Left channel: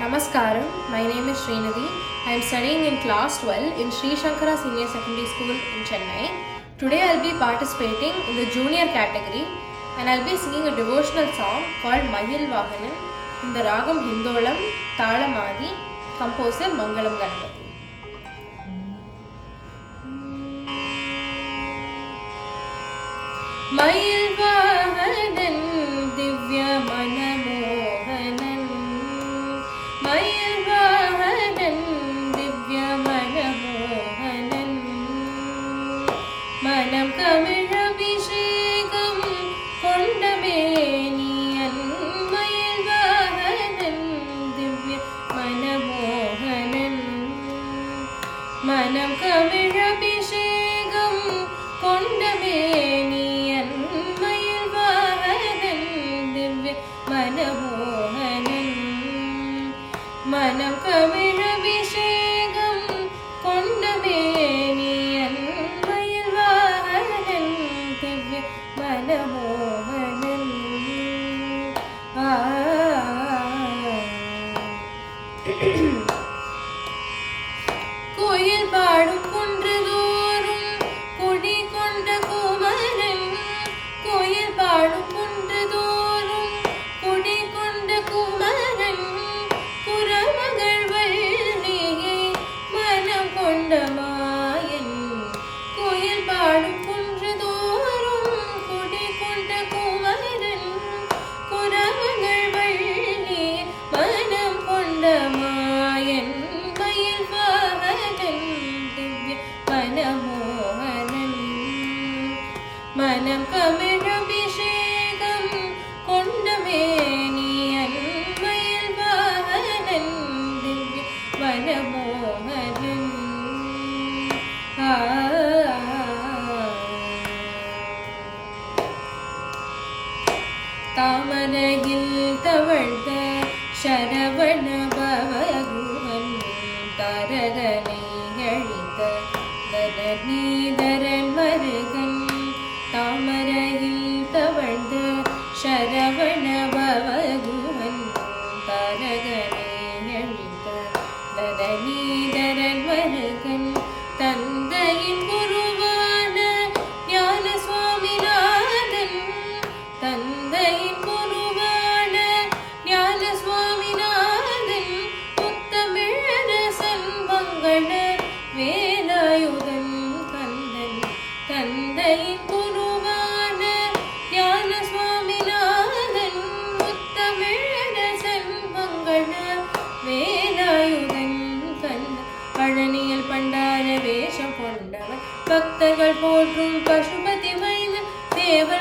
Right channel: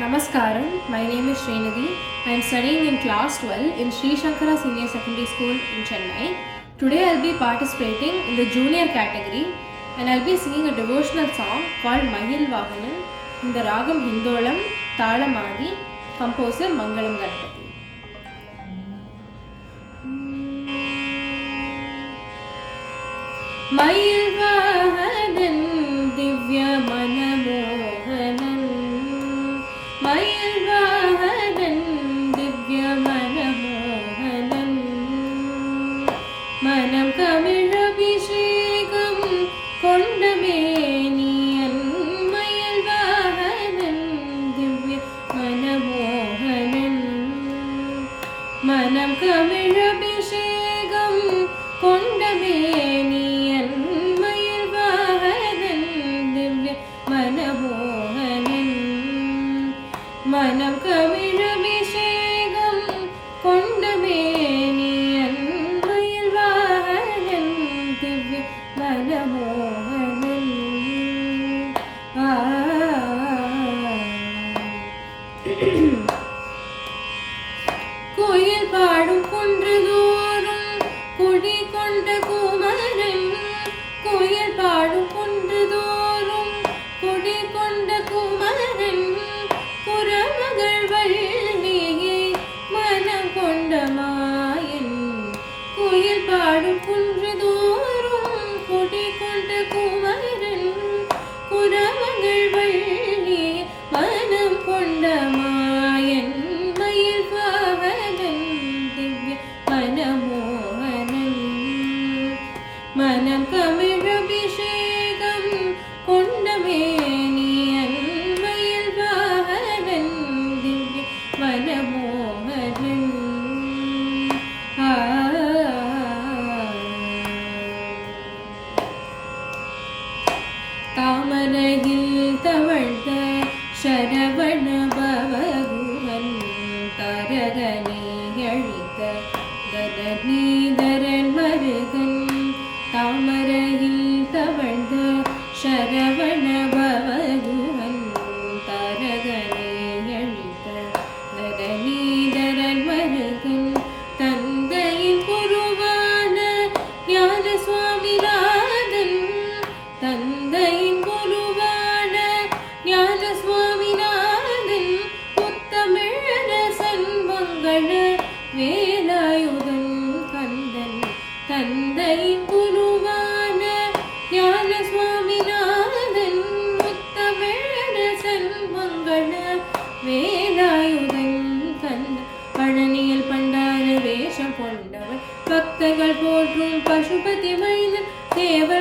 Namaskaram, my name is Srinidhi. I am studying in class 12 in Sri Shankara Senior Secondary School in Chennai. Today I will be participating in the junior category and I will be singing a devotional song called Mahil Vahanan in the Ragam Hindolam Talamadi, composer Mangalam Ganapati. Mahil Vahanan Divya Manamohanan Mahil Vahanan Divya Manamohanan Manam Kamilabhishekam Kondameniyan Mahil Vahanan Divya Manamohanan Manam Kamilabhishekam Kondameniyan Mahil Vahanan Divya Manamohanan Manam Kamilabhishekam Kondameniyan Mahil Vahanan Divya Manamohanan கோயில் பாடும் குன்றதோறும் குடி கொண்ட குமரன் கோயில் பாடும் குன்றதோறும் குடி கொண்ட குமரன் புறமகள் வள்ளியை மனம் கொண்ட மாயன் கோயில் பாடும் குன்றதோறும் குடி கொண்ட குமரன் புறமகள் வள்ளியை மனம் கொண்ட மாயன் மயில் வாகனன் திவ்ய மனமோகனன் மனம் கமிழபிஷேகம் கொண்டமேனியன் மயில் வாகனன் திவ்ய மனமோகனன் தாமரையில் தவழ்ந்த சரவண பவகுவன் தரகனை அழித்த தரநீதரன் மருகன் தாமரையில் தவழ்ந்த சரவண பவகுவன் தரகனை அழித்த தரநீதரன் மருகன் தந்தையின் குருவான ஞான சுவாமிநாதன் தந்தையின் குருவான ஞான சுவாமிநாதன் முத்தமிழரசன் மங்கள வேலாயுதன் கந்தன் தந்தையின் குருவான ஞான சுவாமிநாதன் முத்தமிழரசன் மங்கள வேலாயுதன் கந்தன் பழனியில் பண்டார வேஷம் கொண்டவன் பக்தர்கள் போற்றும் பசுபதி மைந்தன் தேவர்